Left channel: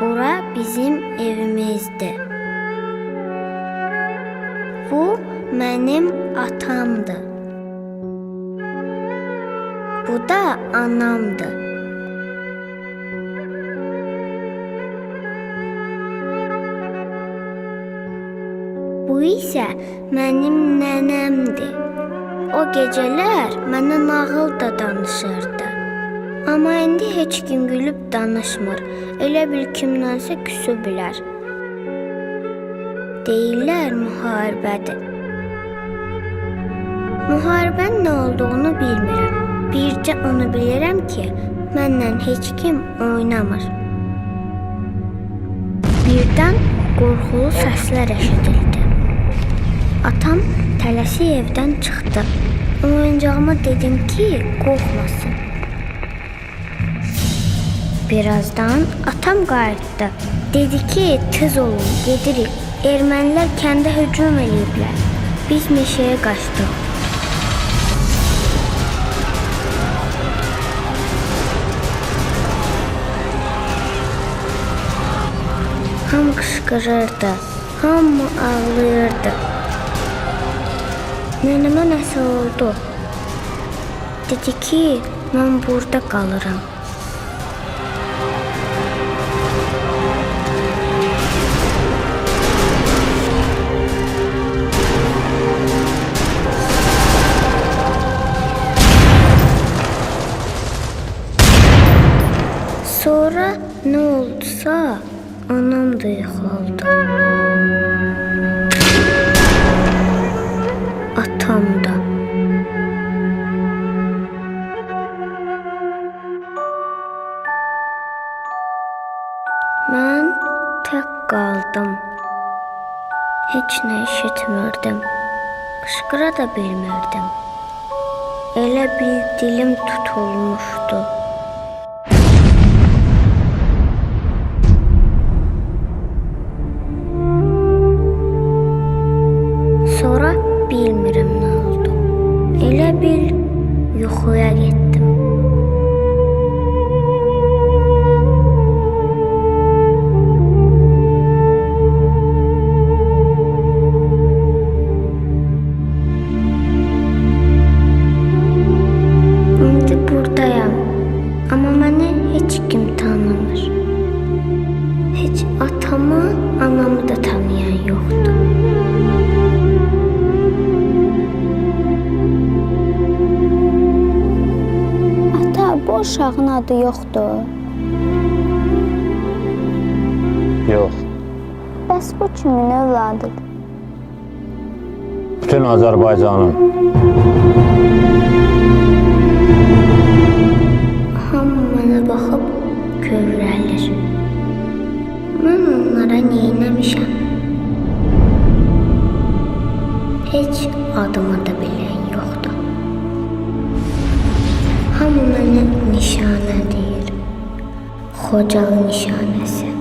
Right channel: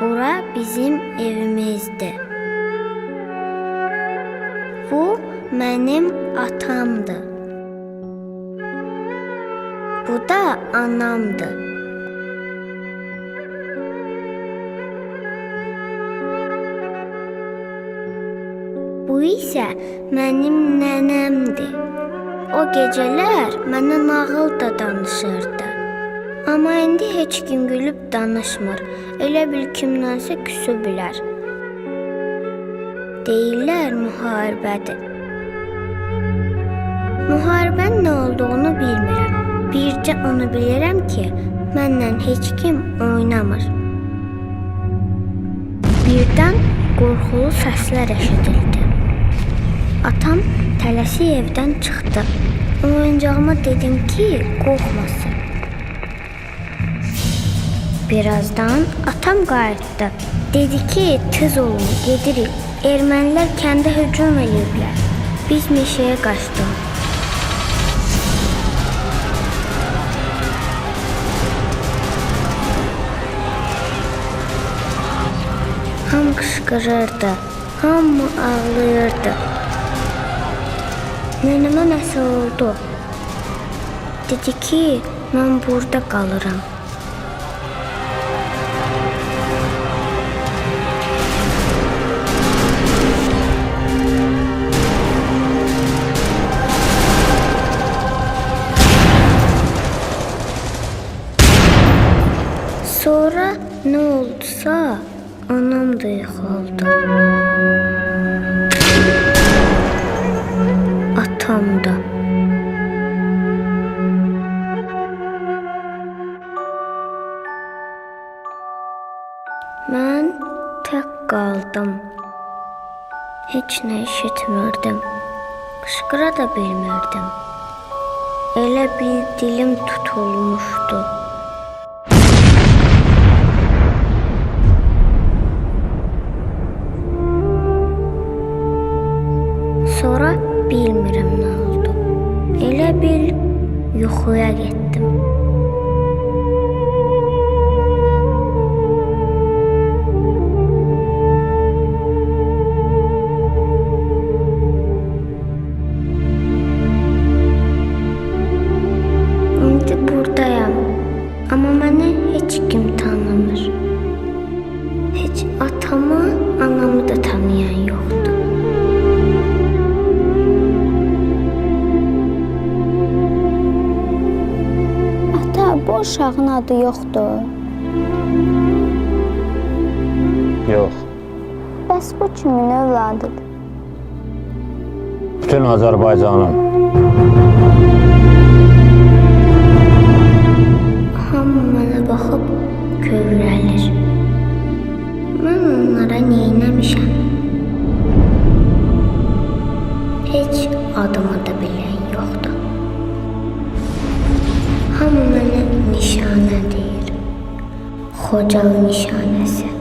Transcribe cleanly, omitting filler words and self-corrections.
Bura bizim evimizdir. Bu mənim atamdır. Bu da anamdır. Bu isə mənim nənəmdir. O gecələr mənə nağıl da danışırdı. Amma indi heç kim gülüb danışmır. Elə bil kimdənsə küsüblər. Deyirlər müharibədir. Müharibənin nə olduğunu bilmirəm. Bircə onu bilirəm ki, məndən heç kim oynamır. Birdən qorxulu səslər eşidildi. Atam tələsik evdən çıxdı. Oyuncağıma dedim ki, qorxmasın. Birazdan atam qayıtdı. Dedi ki, tez olun, gedirik. Ermənilər kəndə hücum eləyiblər. Biz meşəyə qaçdıq. Hamı qışqırırdı, hamı ağlayırdı. Nənəmə nəsə oldu. Dedi ki, mən burada qalıram. Sonra nə oldusa, anam da yıxıldı. Atam da. Mən tək qaldım. Heç nə eşitmirdim. Qışqıra da bilmirdim. Elə bil dilim tutulmuşdu. Sonra bilmirəm nə oldu. Elə bil yuxuya getdim. İndi buradayam. Amma məni heç kim tanımır. Heç atamı, anamı da tanıyan yoxdur. Bu uşağın adı yoxdur. Yox. Bəs bu kimin övladıdır? Bütün Azərbaycanın. Hamı mənə baxıb kövrəlir. Mən onlara neynəmişəm? Heç adımı da bilən yoxdur. Hamı mənə nişanə deyir. Xocalı nişanəsi.